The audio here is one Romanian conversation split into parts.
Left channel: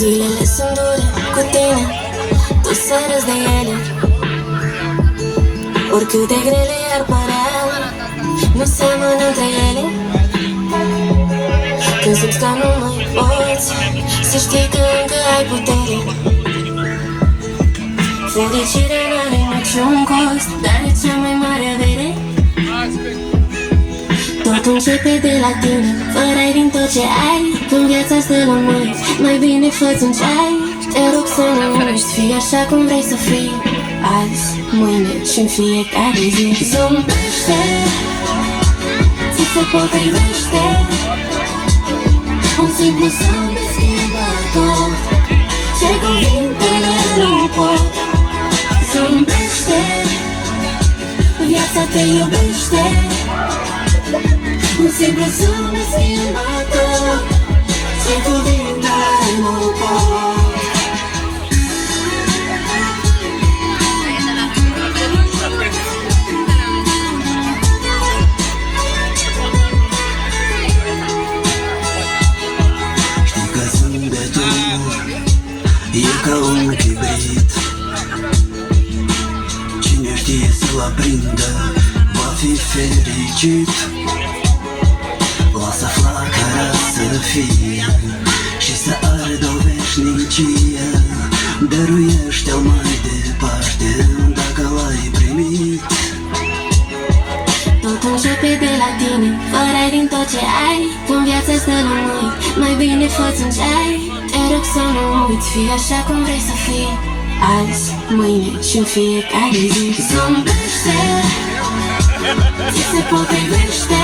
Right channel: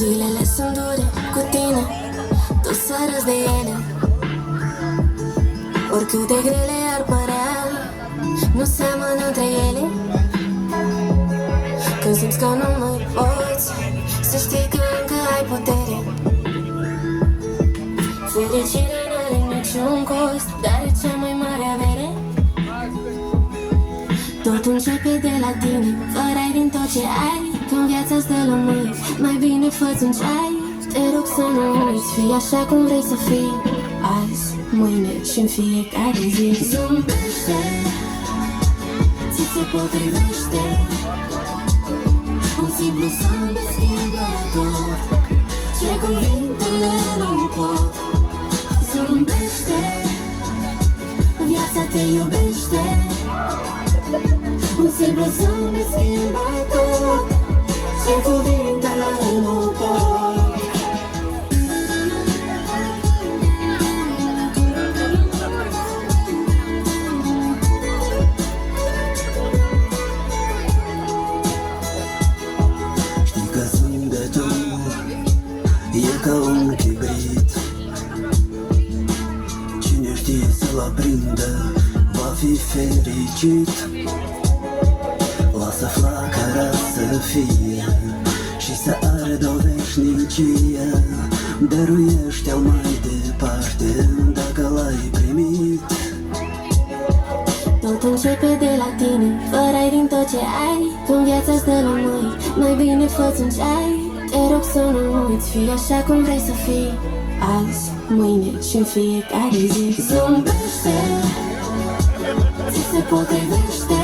Zilele sunt dure cu tine, tu să râzi de ele. Oricât de grele ar părea, nu seamănă între ele. Când simți că nu mai poți, să știi că încă ai putere. Fericirea n-are niciun cost, dar e cea mai mare avere. Totul începe de la tine, fără ai din tot ce ai. Când viața stă la mâini, mai bine fă-ți un ceai. Te rog să nu uiți, fii așa cum vrei să fii, azi, mâine și-n fiecare zi. Zâmbește, ți se potrivește. Un simplu zâmbet schimbă tot, ce cuvintele nu pot. Zâmbește, viața te iubește. Un simplu zâmbet schimbă tot, ce cuvintele nu pot. Știi că zâmbetul e ca un chibrit, cine știe să-l aprindă va fi fericit. Lasă flacăra să fie și să ardă o veșnicie. Dăruiește-o mai departe dacă l-ai primit. Tot începe de la tine, fără ai din tot ce ai. Când viața stă la mâini, mai bine fă-ți un ceai. Te rog să nu uiți, fii așa cum vrei să fii, azi, mâine și-n fiecare zi. Zâmbește, ți se potrivește.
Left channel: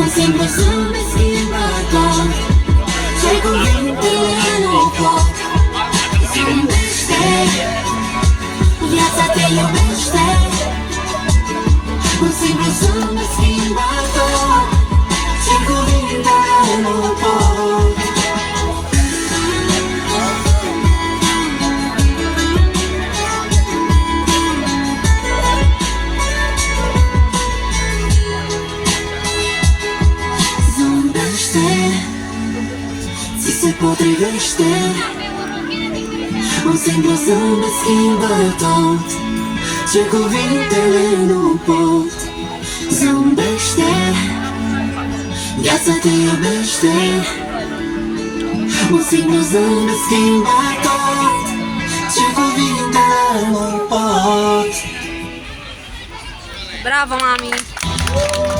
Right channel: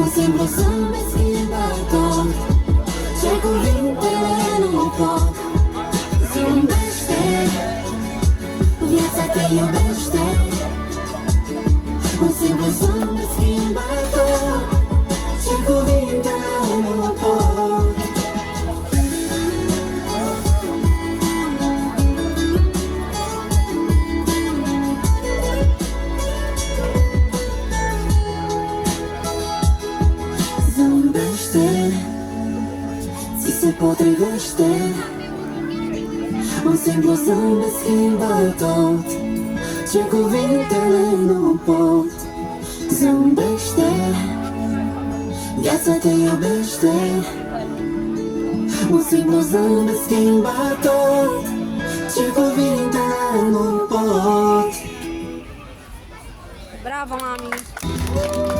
Un simplu zâmbet schimbă tot, ce cuvintele nu pot. Zâmbește, viața te iubește. Un simplu zâmbet schimbă tot, ce cuvintele nu pot. Zâmbește, ți se potrivește. Un simplu zâmbet schimbă tot, ce cuvintele nu pot. Zâmbește, viața te iubește. Un simplu zâmbet schimbă tot, ce cuvintele nu pot. Bravo, mami!